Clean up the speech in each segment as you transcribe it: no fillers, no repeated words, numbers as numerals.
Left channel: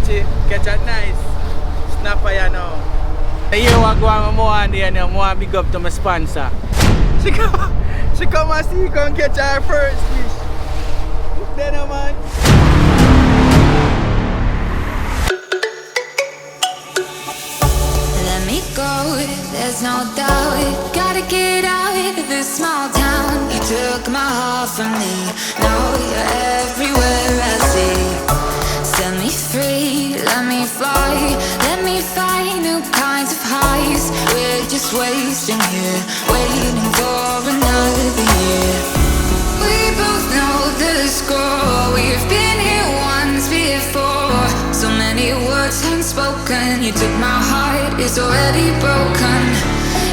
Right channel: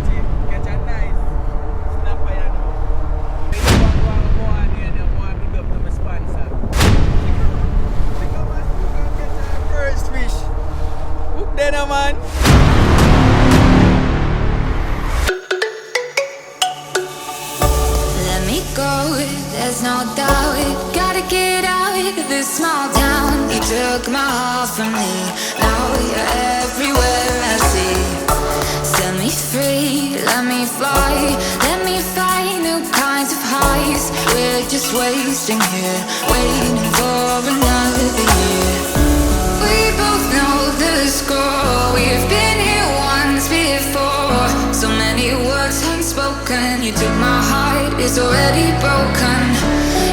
catch a nice snapper, you know. You want to go on more and then I want to big up to my sponsor. She come and see, come catch her first fish. Hook then, man. Let me go, there's no doubt. Gotta get out of this small town. You took my heart from me, now you're everywhere I see. Set me free, let me fly. Let me find new kinds of highs. We're just wasting here, waiting for another year. We both know the score. We've been here once before. So many words unspoken. You took my heart, it's already broken.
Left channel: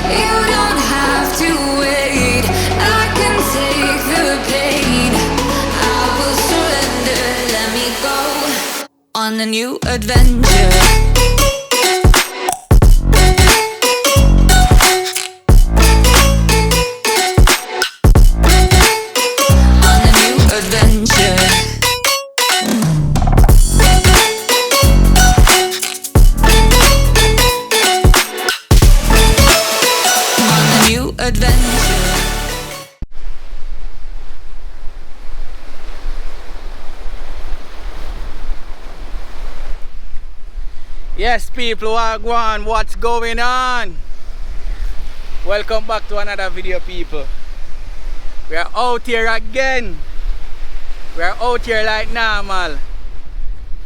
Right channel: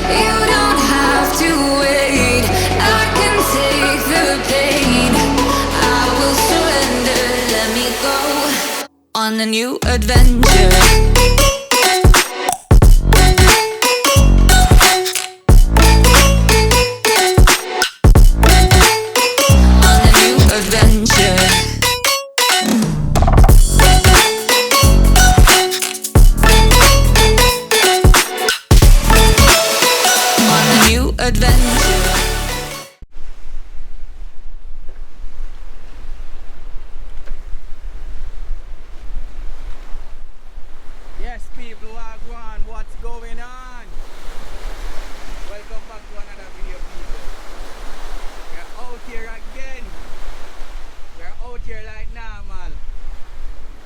You don't have to wait, I can take the pain. I will surrender, let me go on a new adventure. Yes, people, what's going on? Welcome back to another video, people. We are out here again. We are out here like normal.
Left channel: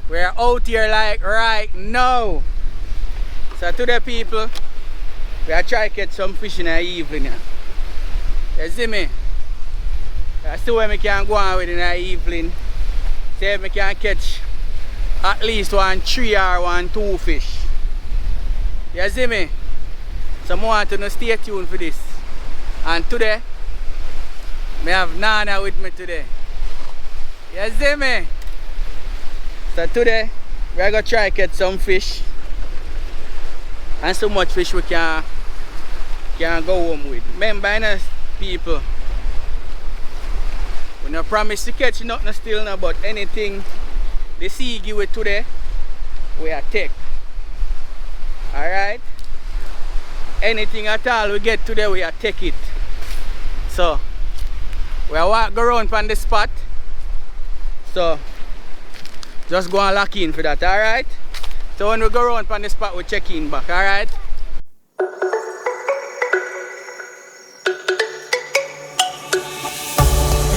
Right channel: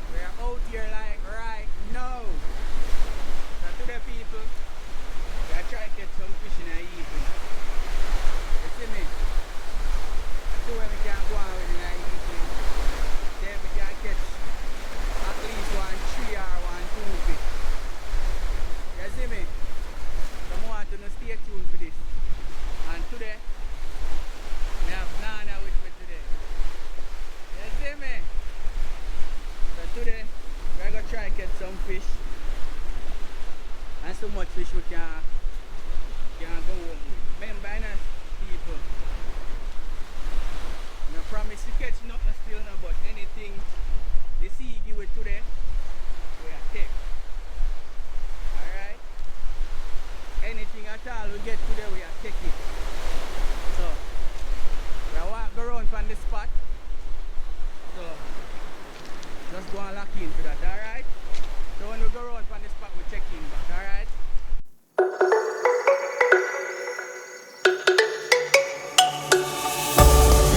We are out here like right now. So today, people, we are trying to get some fish in the evening. You see me? I see where we can go on with in the evening. See if we can catch at least 3 or 2 fish. You see me? So I want to stay tuned for this. And today, I have Nana with me today. You see me? So today, we are going to try to get some fish. And so much fish we can go home with. Remember, people, we don't promise to catch nothing still now, but anything the sea give it today, we are take. Alright? Anything at all we get today, we are take it. So, we are walk around from the spot. So, just go and lock in for that, alright? So when we go around from the spot, we check in back, alright?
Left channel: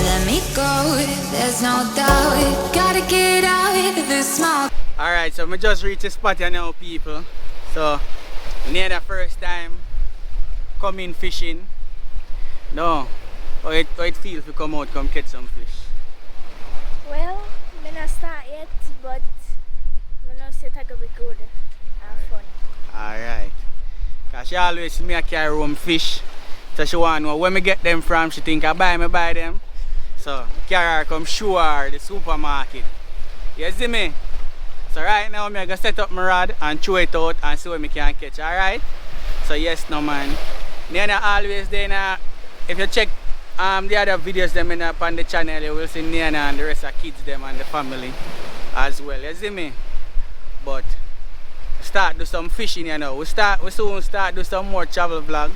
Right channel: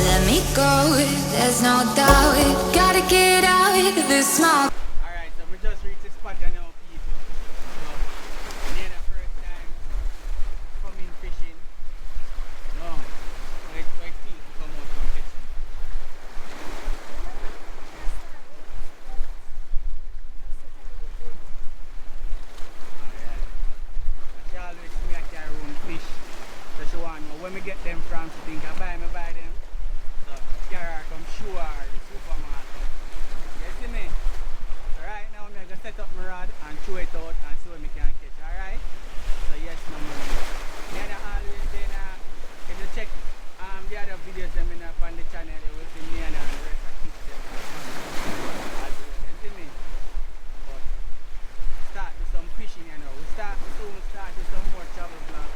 Let me go, there's no doubt. Gotta get out of this small. Alright, so we just reached the spot here now, people. So, near the first time coming fishing. No, how it feels to come out, come catch some fish? Well, I'm not start yet, but I know it's going to be good and fun. Alright. Because she always see me a carry home fish. So she want to know where me get them from. She think I buy them. So carry her come show her the supermarket. You see me? So right now I'm going to set up my rod and throw it out and see what I can catch. Alright? So yes, no man. Nana always there. If you check the other videos them on the channel, you will see Nana and the rest of kids them and the family as well. You see me? But start do some fishing, you know. We soon start do some more travel vlogs.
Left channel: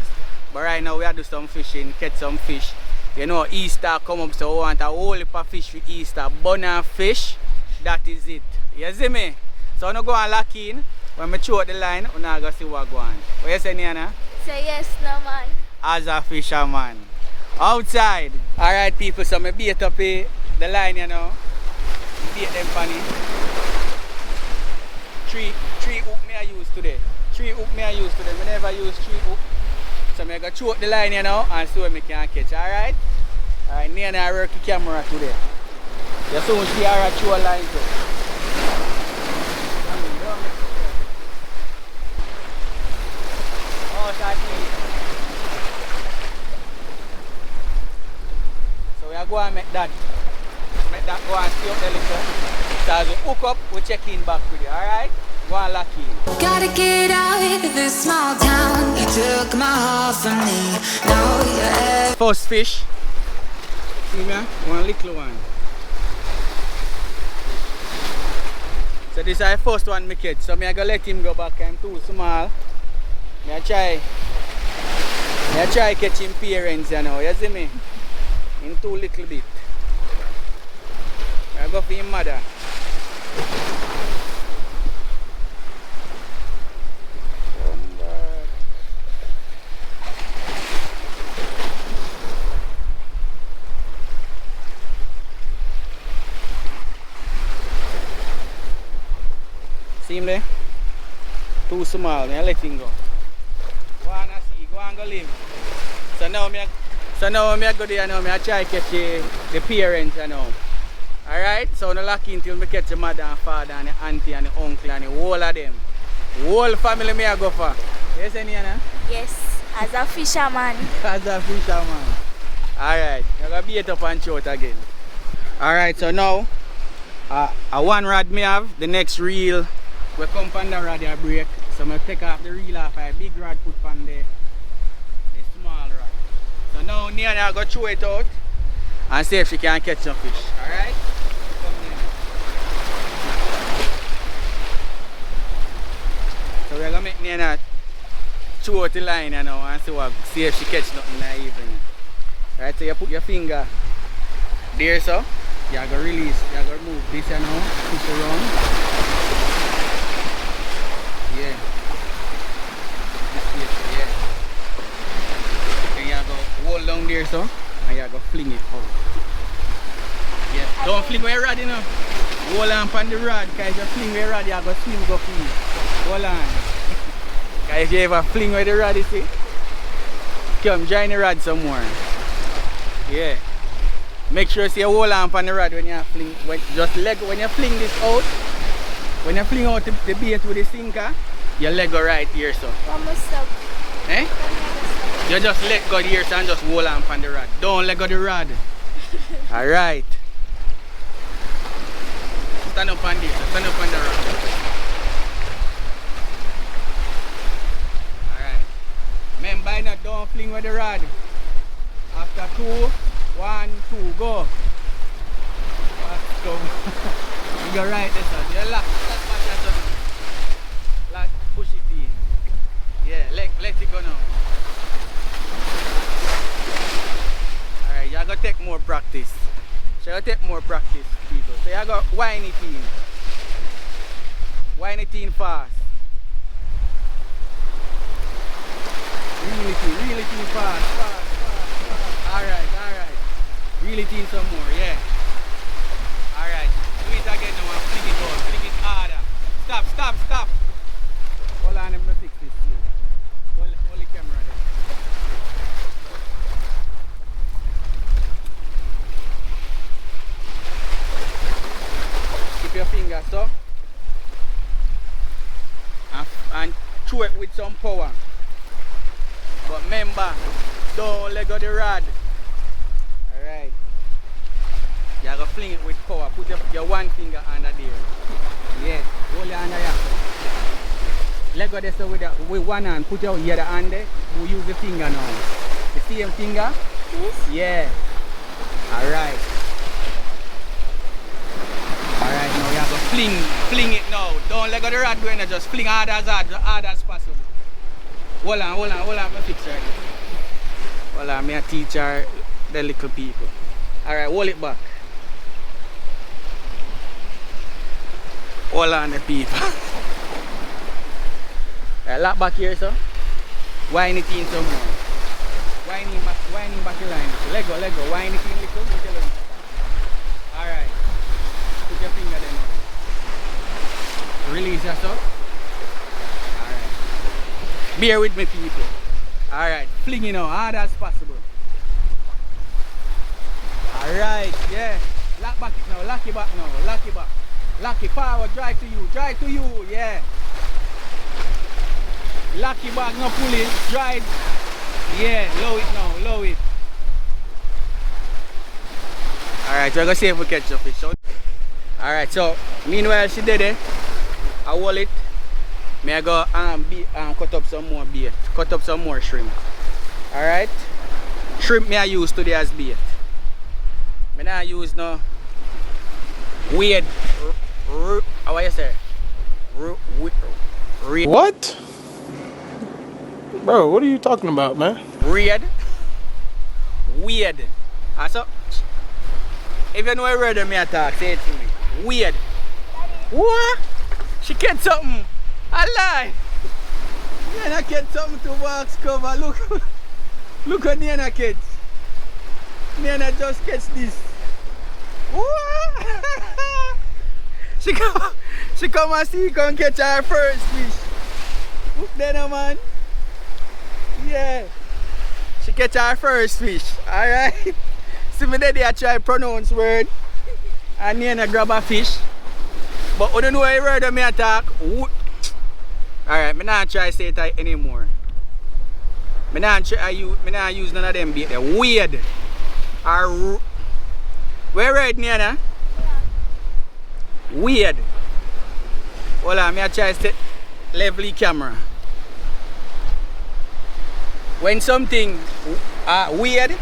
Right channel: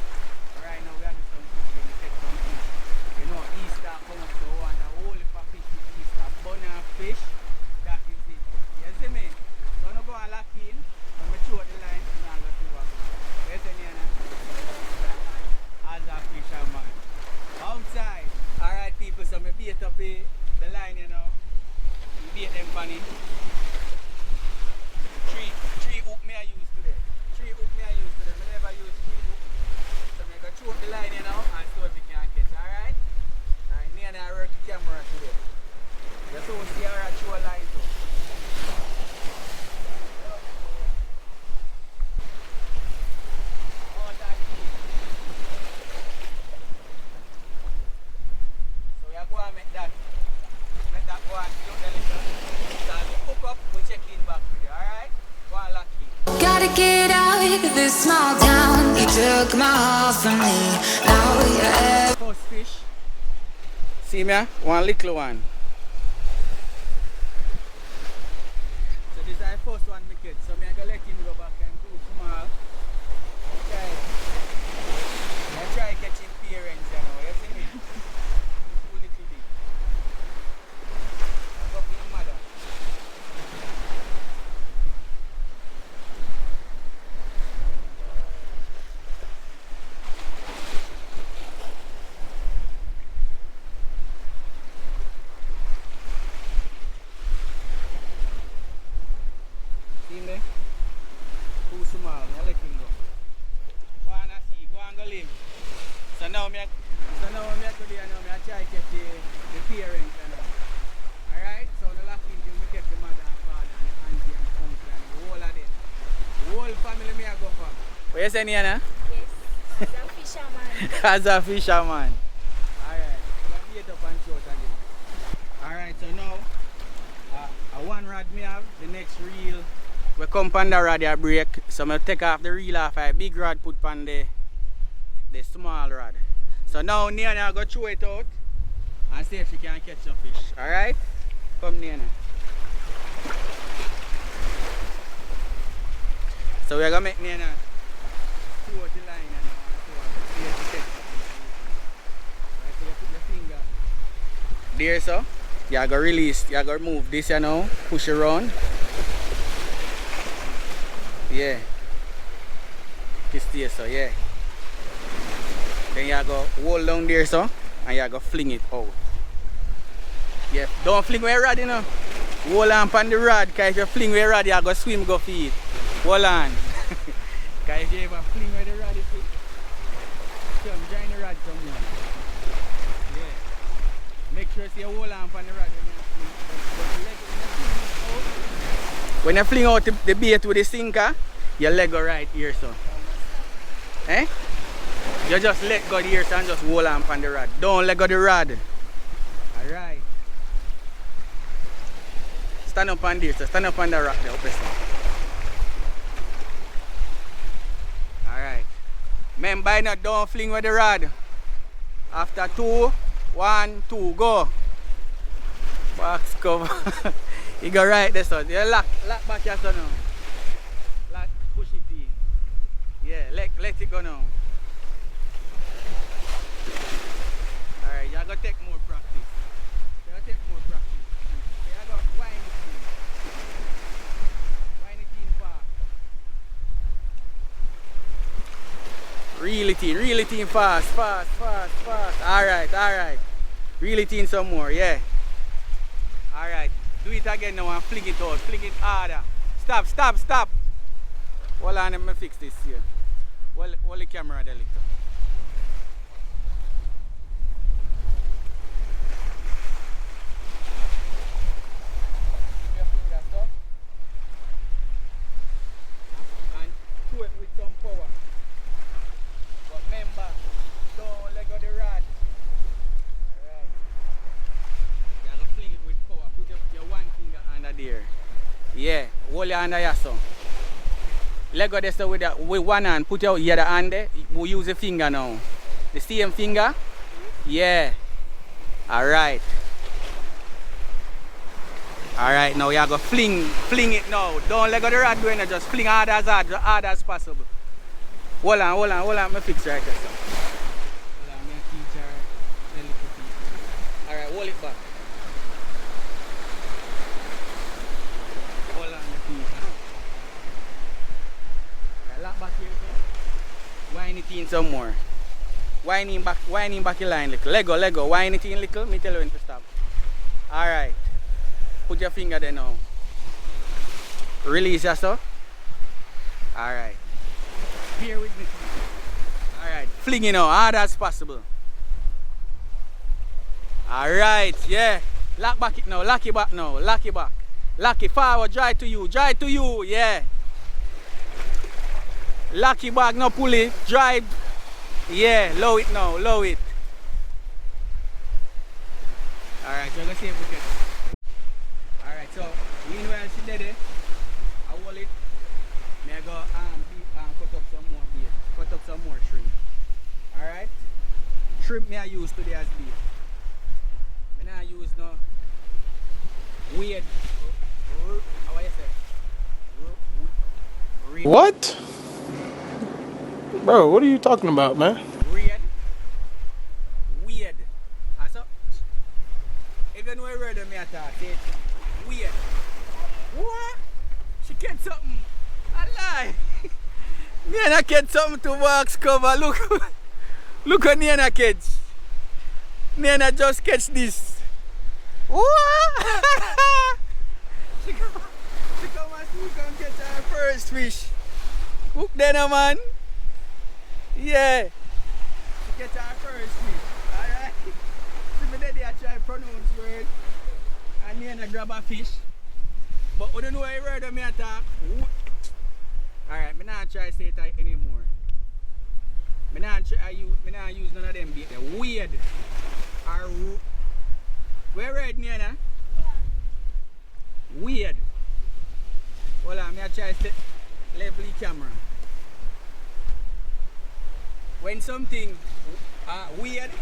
But right now we are do some fishing, catch some fish. You know, Easter come up, so we want a whole heap of fish for Easter. Bun and fish, that is it. You see me? So I'm going to go and lock in. When I throw out the line, I'm going to see what goes on. What you say, Nana? Say yes, no man. As a fisherman. Outside. Alright, people, so I bait up the line, you know. I bait them funny. Three hook me I use today. I never use 3 hook. So I'm going to throw up the line, you know, and see what I can catch. Alright? Alright, Nana I work the camera today. You soon see her throw a line too. So we are going to make that go and stay up the little. So as we hook up, we check in back with you, alright? Go and lock in. Gotta get out of this small town. You took my heart from me, now you're First fish. See me? One little one. So this is the first one I catch. So I go let him go back. I'm too small. I try catching parents, you know. You see me? In too little bit. I go for him mother. See him there? Too small, I let him go. Wanna see, go and go live. So now I go there now, I try to catch the parents, you know. Alright, so no lucky until I catch the mother and father and the auntie and the uncle and the whole of them. The whole family I go for. What you say, Niana? Yes, as a fisherman. As a fisherman. Alright, I'm going to beat up and shout again. Alright, so now, a one rod me have, the next reel, we come on the rod I break. So I take off the reel off a big rod, put on the small rod. So now Niana go throw it out and see if she can catch some fish. Alright? Come Niana. So we're gonna make Niana throw out the line you know, and see if she catch nothing in the evening. Right, so you put your finger there so. You go release, you go remove this you know, push around. Yeah. This way so yeah. Then you go hold down there so and you go fling it out. Yeah. Don't fling with your rod you know. Hold on on the rod because if you fling with your rod you go swim go feed. Hold on. Because if you ever fling with the rod you see, come join the rod some more. Yeah. Make sure you hold on the rod when you fling. When you fling this out, when you fling out the bait with the sinker, your leg go right here so. Eh? You just let go here so and just hold on the rod. Don't let go the rod. Alright. Stand up on this, so stand up on the rock. Alright. Remember now, don't fling with the rod. After 2, 1, 2, go. Wax cover. You go right this one. You lock back your son now. Lock, push it in. Yeah, let it go now. Alright, you gotta take more practice. So you gotta take more practice, people. So you gotta wind it in. Wind it in fast. Reel it in fast. Alright. Reel it in some more, yeah. Alright, do it again now and fling it out, fling it harder. Stop. Hold on, let me fix this here. Hold the camera then. Keep your finger so. And throw it with some power. But remember, don't let go the rod. Alright. You have to fling it with power. Put your one finger under there. Yeah. Hold your hand here so. Let go this with one hand. Put your other hand there. We use the finger now. The same finger? Yes. Yeah. Alright. Alright, now you have to fling it now. Don't let go the rod doing it. Just fling hard as possible. Hold on, let me fix right there. Hold on, me a teach her the little people. Alright, hold it back. Hold on the people. Right, lock back here so. Wind it in some more. Winding back the line little. Lego, wind it in little, me tell her to stop. Alright. Put your finger there now. Release yourself. Alright. Bear with me people. Alright, fling it now, hard as possible. Alright, yeah. Lock back it now, lock it back now, lock it back. Lock it forward, dry to you, yeah. Lock it back, now pull it, dry it. Yeah, low it now, low it. Alright, so I'm gonna see if we catch the fish. Alright, so meanwhile she did it, I hold it. May I go cut up some more bait, cut up some more shrimp. Alright? Shrimp may I use today as bait. I don't use no weird How you say? Read. What? Bro, what are you talking about, man? Read. Weird. So, if you know a word of me attack, say it to me. Weird. What? She get something. I lie. Nana get something to box cover. Look. Look at Nana kids. Nana just catch this. What? She come and see come catch her first fish. Look then, man. Yeah. She catch her first fish. Alright. See me there, I try pronounce word. And Nana grab a fish. But I don't know what word of me attack. Alright, I'm not try to say it anymore. I'm not use none of them bait. They're weird. Or where right, Nana? Weird. Hold on, I try to level the camera. When something weird.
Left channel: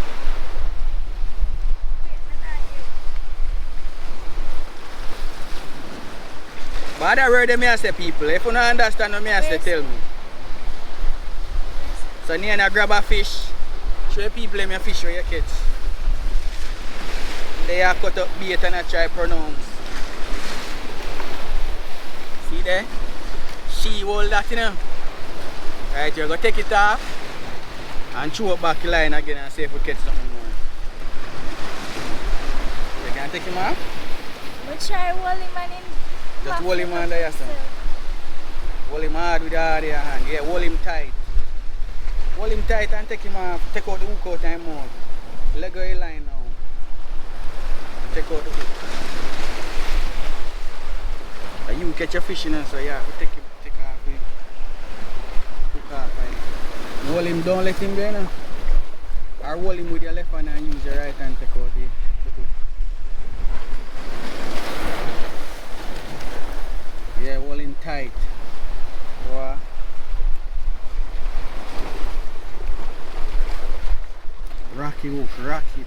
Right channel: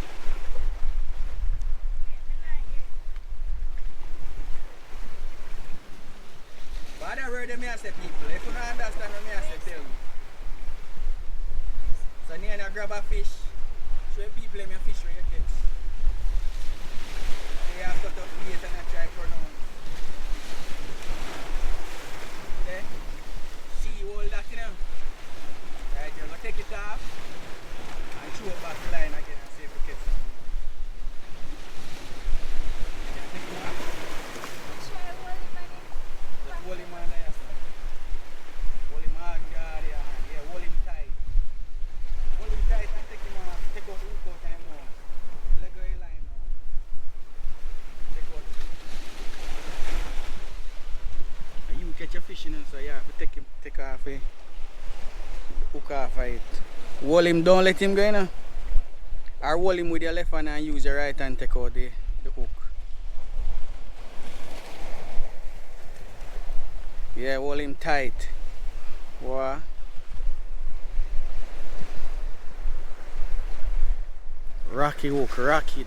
But I word me say people, if you don't understand what I say, tell me. So Nana grab a fish, show people me a fish with your kids. They have cut up bait and I try pronounce. See there? She hold that, you know. Right, you go take it off and throw it back the line again and see if we catch something more. You can take him off? We try hold him and him. Just hold him under your son. Hold him hard with all your hand. Yeah, hold him tight. Hold him tight and take him off. Take out the hook out and mouth. Let go of your line now. Take out the hook. And you catch your fish in so you have to take off it. Hook off it. Hold him, don't let him go in. Or hold him with your left hand and use your right hand take out the hook. Yeah, hold him tight. What? Rocky hook, rock it.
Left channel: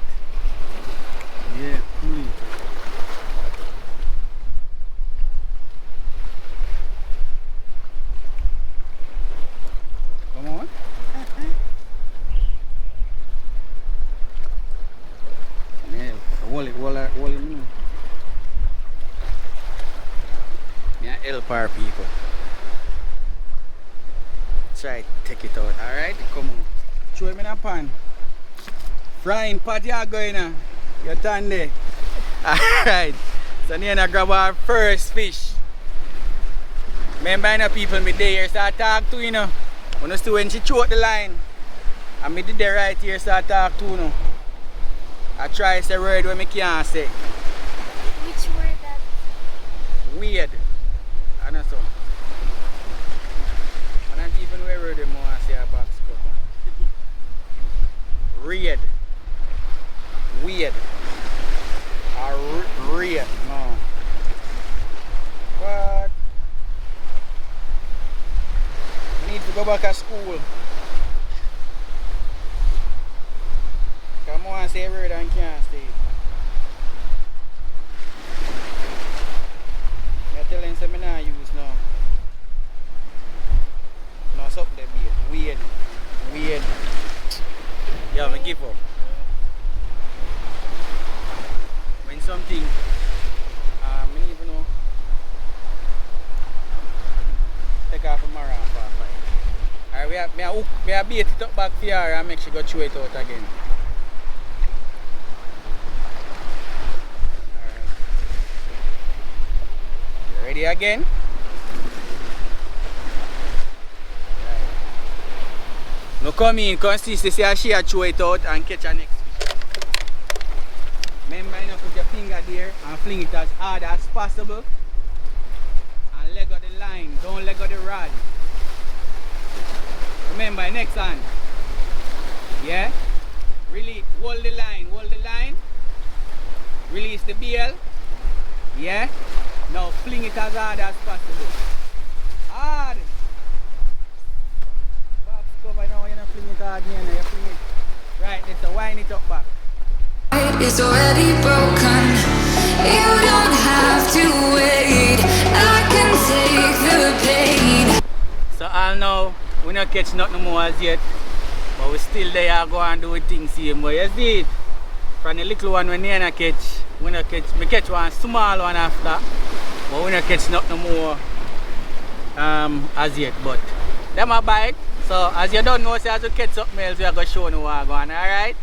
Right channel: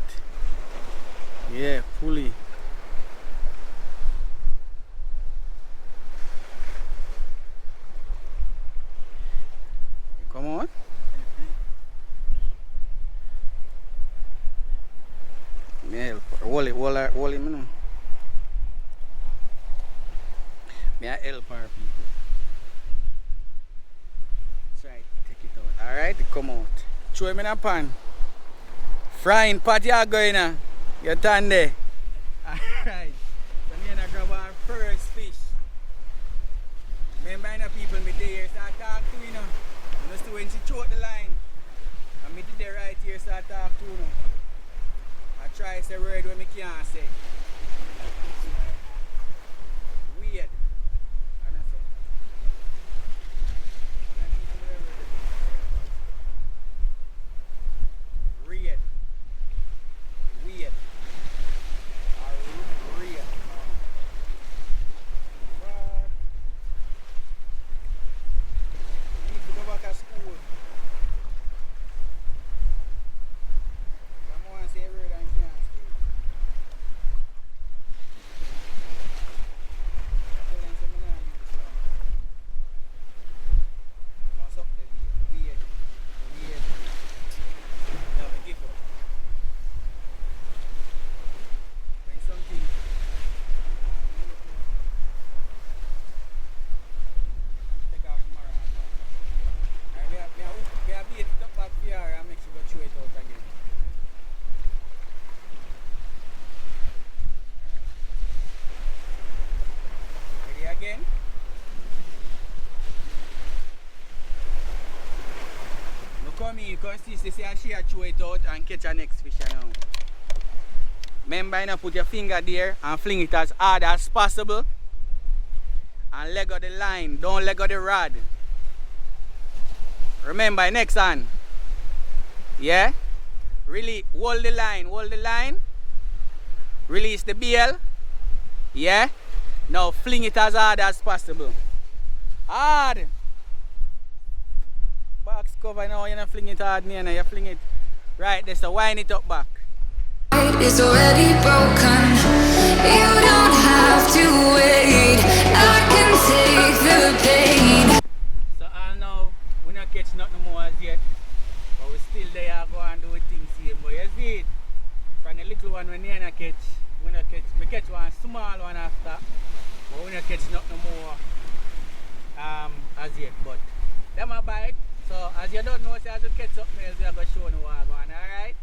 Yeah, pull it. Come on. Yeah, hold him now. I help our people. Try take it out, alright? Come out. Throw him in a pan. Frying pot you going now. You turn there. Alright. So Nana grab our first fish. Remember people me there so I talk to you know. When you see when she throw the line. And me did there right here so I talk to you know. I try to say word when I can't say. Which word that? Weird. And so. And I even where them want to say a box cover. Weird. Weird. Or weird. No. What? I need to go back to school. Come on, say a word and can't stay. You're telling them I not use now. No, something there be weird. Weird. Yeah, I give up. When something, I even know, take off a marrow for a fight. Alright, we have bait it up back for her and make sure go throw it out again. Alright. Ready again? No come in, consist, see how she throw it out and catch her next fish. Remember, you know, put your finger there and fling it as hard as possible. And let go the line, don't let go the rod. Remember, next hand. Yeah? Really hold the line, Release the bail. Yeah? Now fling it as hard as possible. Hard! Box cover now, you're not fling it hard, man. You fling it right there, so wind it up back. It's already broken. You don't have to wait. not catch nothing more as yet. But we still there go and do the thing same. But you see it. From the little one when we not catch, we catch one small one after. But we not catch nothing more as yet. But them a bite. So as you don't know, so as you catch something else, we are going to show you what going on, alright?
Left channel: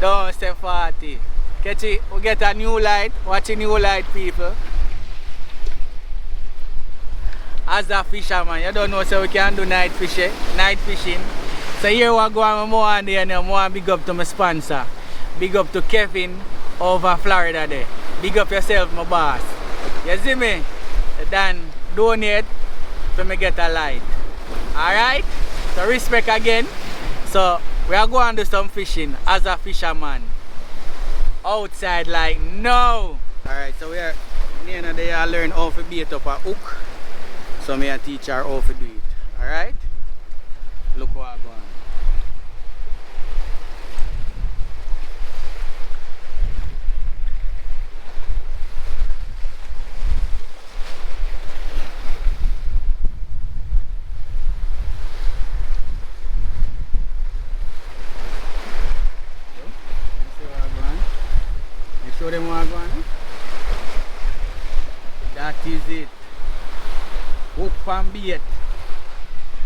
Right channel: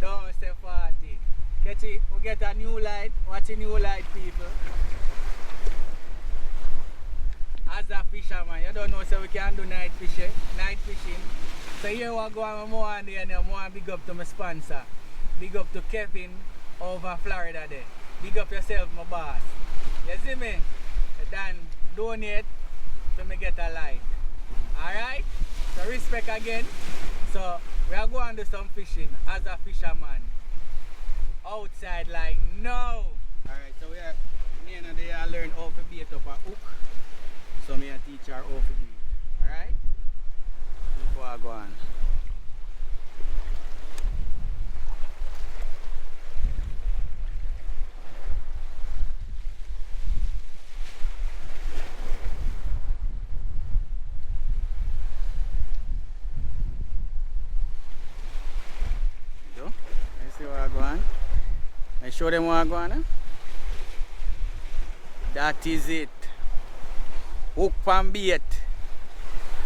Don't stay 40. Catch it, we get a new light, watch a new light people. As a fisherman, you don't know so we can do night fishing. So here we go on more and there now, more big up to my sponsor. Big up to Kevin over Florida there. Big up yourself, my boss. You see me? Then donate for me get a light. Alright? So respect again. So we are going to do some fishing as a fisherman. Outside like no. Alright, so we are near they are learn how to bait up a hook. So me a teach her how to do it. Alright? Look what I go on. Show them what I go on. That is it. Hook and bait.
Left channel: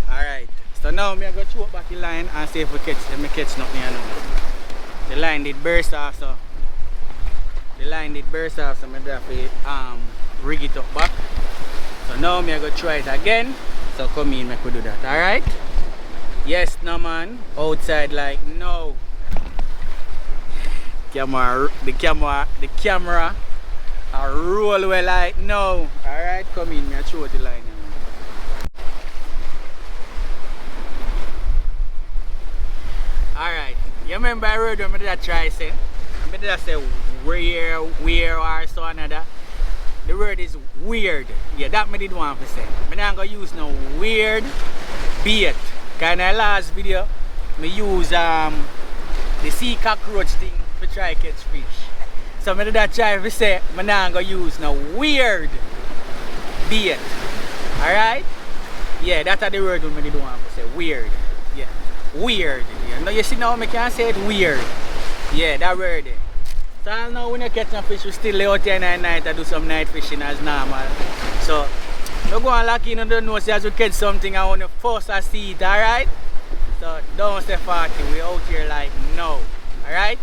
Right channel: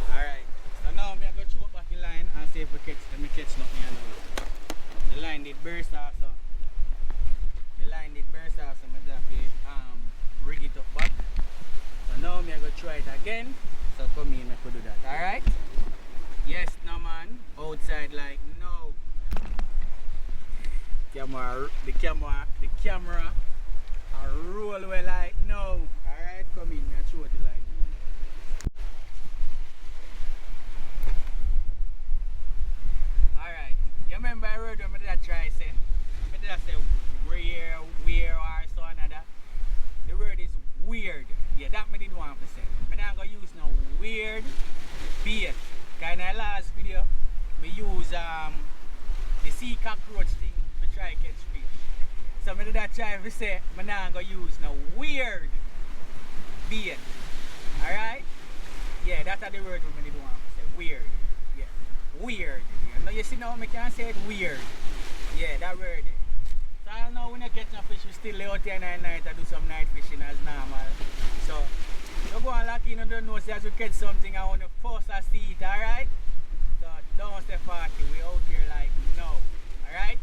Alright. So now I'm going to throw back the line and see if we catch nothing. The line did burst off, so I'm going to have to rig it up back. So now I'm going to try it again. So come in, I could do that. Alright? Yes, no man. Outside like no. The camera I roll well like no. Alright, come in, I throw the line now. Alright, you remember I wrote when I did try say? I did say where or so another. The word is weird. Yeah, that I did want to say. I'm not gonna use no weird bait. Cause in the last video I use the sea cockroach thing to try catch fish. So I did try to say I'm not gonna use no weird bait. Alright? Yeah, that's the word I did want to say. Weird. Yeah. Weird. Yeah. Now you see now I can't say it weird. Yeah, that word. So now when you catch some fish, we still lay out here at night and do some night fishing as normal. So you go and lock in and don't know so as we catch something I want to force to see it, alright? So don't stay 40, we out here like no. Alright?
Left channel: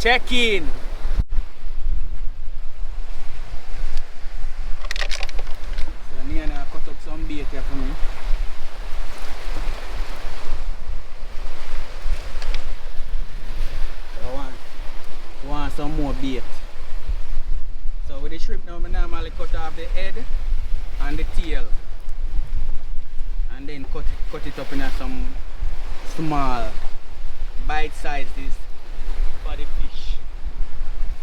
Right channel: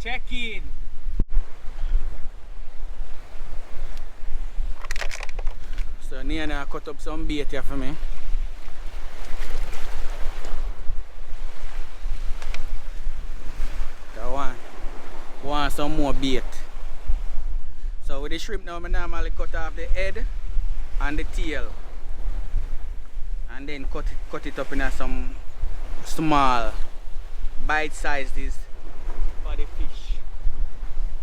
Check in. So Nina cut up some bait here for me. So want some more bait. So with the shrimp now I normally cut off the head and the tail. And then cut it up in some small bite sizes for the fish.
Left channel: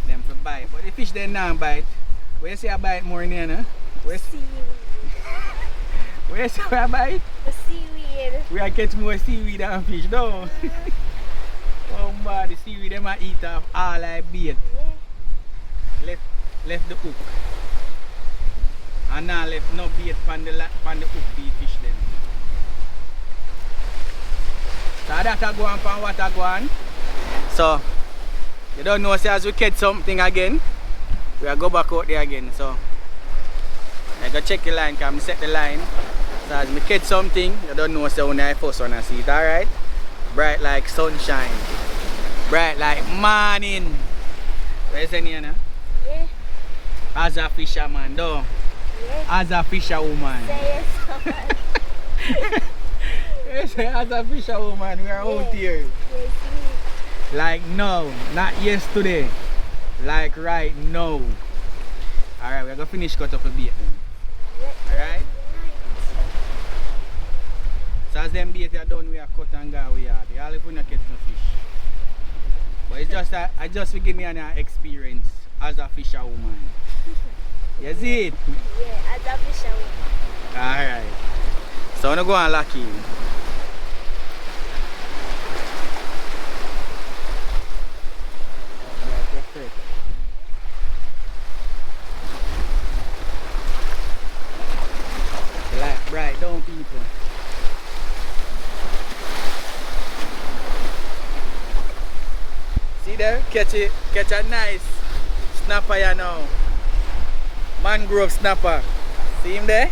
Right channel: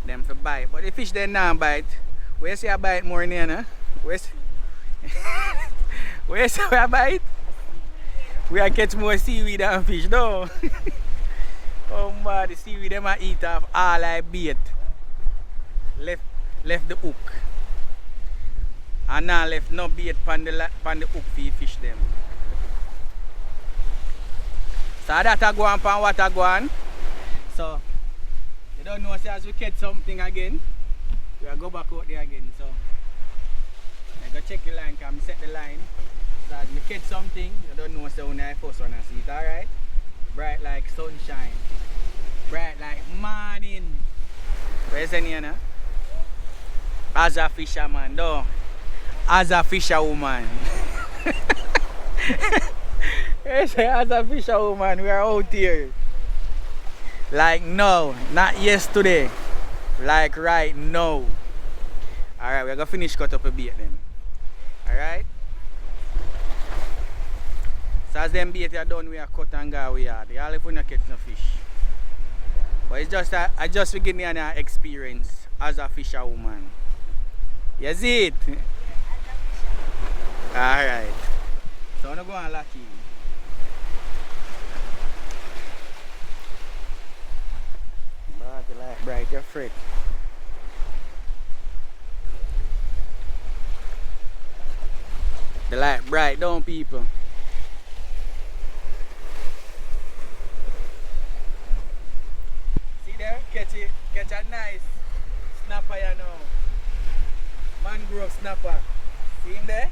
Them for bite. But the fish they not bite. Where you see a bite more in here, no? Where you see a bite? The seaweed. We are catch more seaweed than fish, no? Oh man, the seaweed them a eat off all like bait. Yeah. Left the hook. And now left no bait pan the hook for the fish them. So that a go on pan what a go on. So you don't know say as we catch something again, we are go back out there again. So I go check the line, come set the line. So as we catch something, you don't know say when I first wanna see it, alright? Bright like sunshine. Bright like morning. Where's the name? Yeah. As a fisherman, though. Yeah. As a fisherwoman. Yes, as a fisherwoman, we are out here. Like no, not yesterday. Like right now. Alright, we're gonna finish cut up a bait then. Alright? So as them bait are done, we are cut and go we are. All if we not catch no fish. But it's just I just begin an experience as a fisherwoman. You see it? Yeah, as a fisherwoman. Alright. So I'm gonna go and lock in. Bright, you're freak. The light bright down people. there, catch a nice snapper you know. Mangrove snapper. See him there?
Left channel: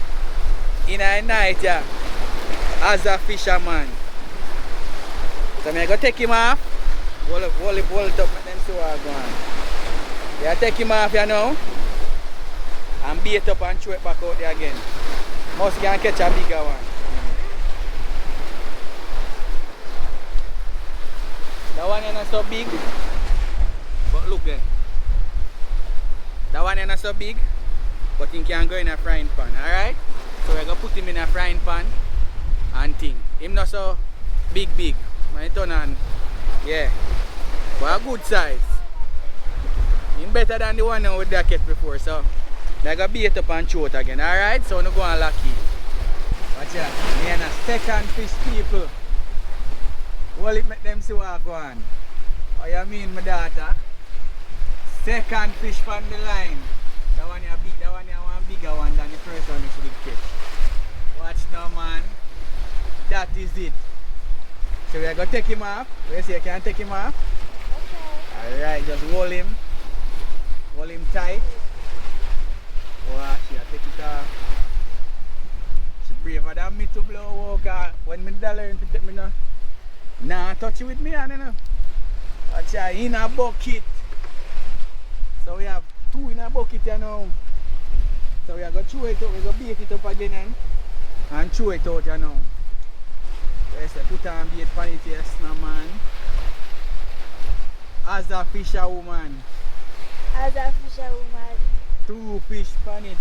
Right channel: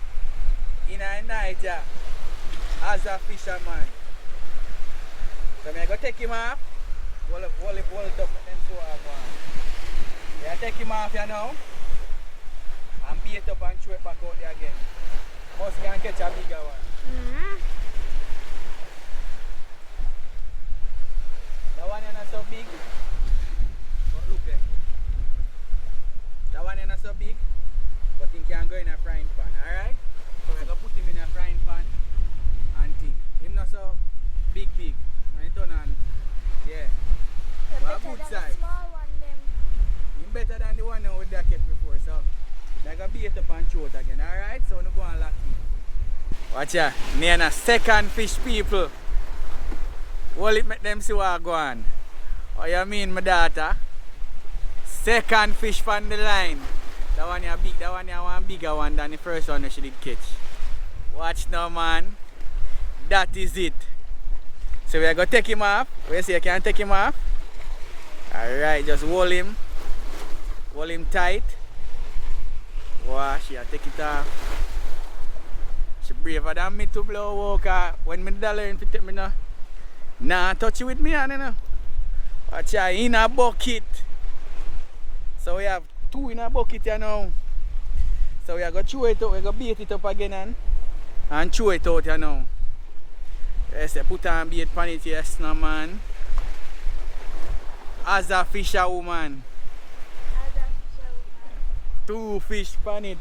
In a night, yeah. As a fisherman. So I'm gonna take him off. Hold it up and then see what I'm going. Yeah, take him off you know. And bait up and throw it back out there again. Must can catch a bigger one. That one is not so big. But look there. That one is not so big. But he can go in a frying pan, alright? So we're gonna put him in a frying pan and thing. Him not so big. My turn on, yeah. But a good size. Him better than the one with the cat before, so they're gonna bait up and throw it again, alright? So we're going to lucky. Watch out. Me and a second fish people. Hold it, make them see what go on. What you mean, my daughter? Second fish from the line. That one is big, that one is one bigger one than the first one you should catch. Watch now, man. That is it. So we are going to take him off. Where you say you can take him off? Okay. Alright, just hold him. Hold him tight. Watch, she take it off. She braver than me to blow walker. When me dollar in to take me now. Nah, touch it with me, you know. Watch her in a bucket. So we have two in a bucket you know. So we are going to throw it out, we are going to bait it up again and throw it out you know. Yes, put on bait pan it, yes no man. As a fisherwoman. As a fisherwoman. 2 fish pan it.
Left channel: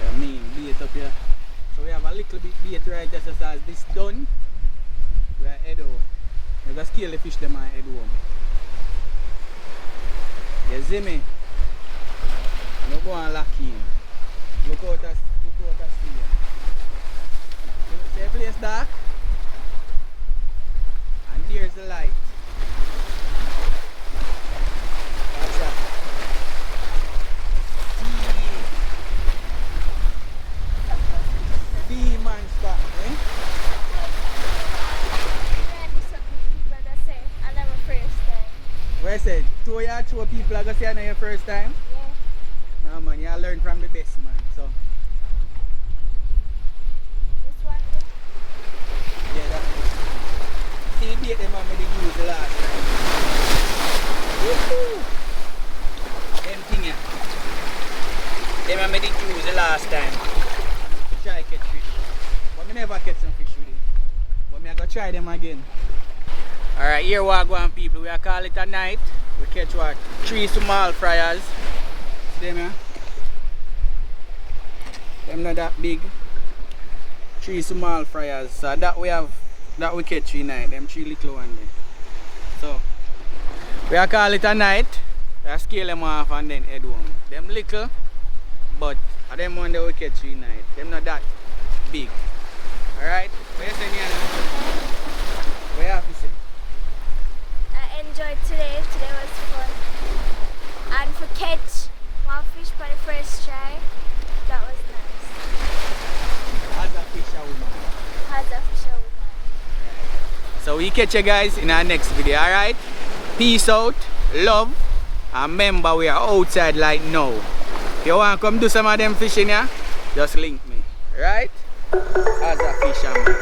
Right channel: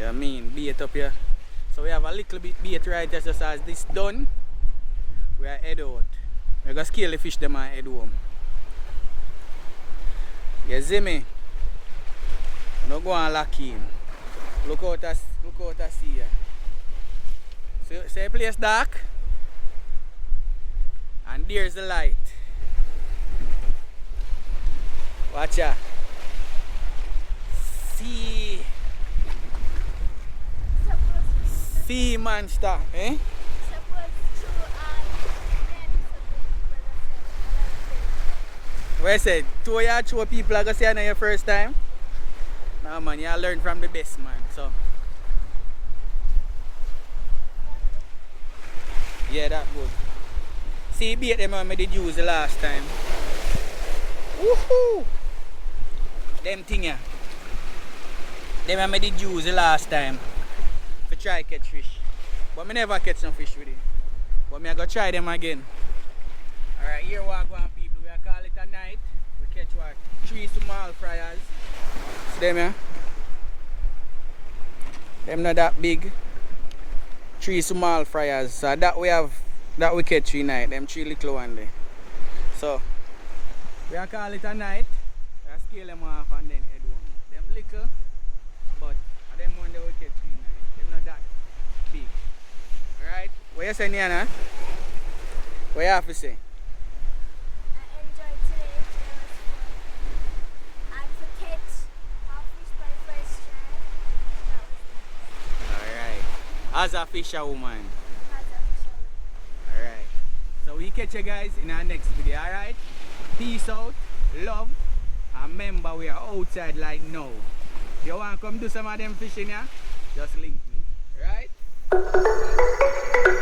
Yeah, I mean, bait up here. So we have a little bit bait right just as this done. We are head out. We're going to scale the fish them and head home. You see me? Don't go and lock in. Look out to see ya. See the place dark? And there's the light. Watch out. See monster, eh? Where I said, 2 of your 2 people are going to say I know your first time? Yeah. No man, you learn from the best man, so. This one? Yeah, that's good. See, you beat them and made the juice the last time. Woohoo! Them thing here. Them and made the juice the last time. To try catch fish. But I never catch some fish with it. But I'm going to try them again. Alright, here we are going people. We are call it a night. We catch what? 3 small fryers. See them here? Them not that big. 3 small fryers. So that we catch tonight. Them 3 little ones there. So we are call it a night. We are scale them off and then head home. Them little, but them one that we catch tonight. Them not that big. Alright? What you saying, Yana? What you have to say? I enjoyed today. Today was fun. And for catch one fish for the first try, that was nice. As a fisherwoman. As a fisherwoman. Alright. So we catch you guys in our next video, alright? Peace out, love, and remember we are outside like now. If you want to come do some of them fishing here, just link me. Right? As a fisherman.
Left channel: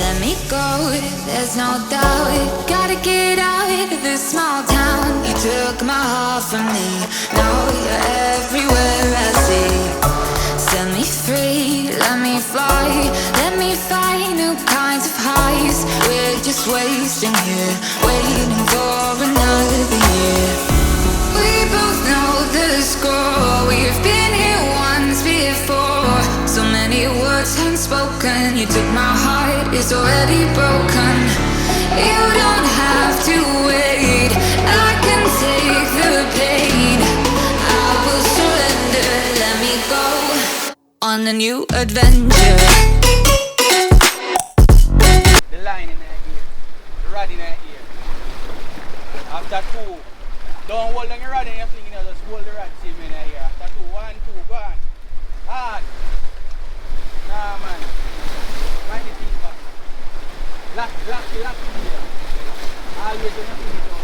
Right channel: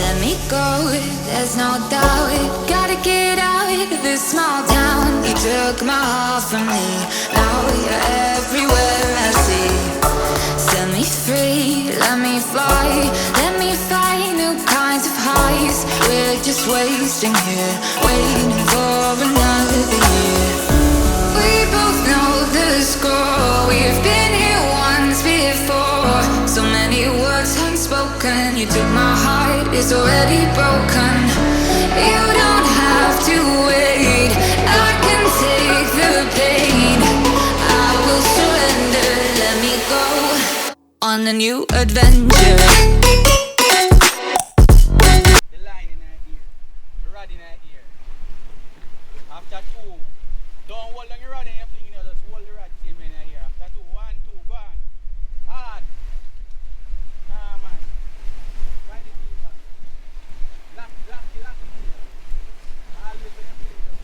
Let me go, there's no doubt. Gotta get out of this small town. You took my heart from me. Now you're everywhere I see. Set me free, let me fly. Let me find new kinds of highs. We're just wasting here, waiting for another year. We both know the score. We've been here once before. So many words unspoken. You took my heart, it's already broken. You don't have to wait. I can take the pain. I will surrender. Let me go on a new adventure. The line in her ear. The rod in her ear. After 2. Don't hold on your rod in your finger, just hold the rod same in her ear. After 2, 1, 2, go on. Hard. Lucky deal. Always when you finish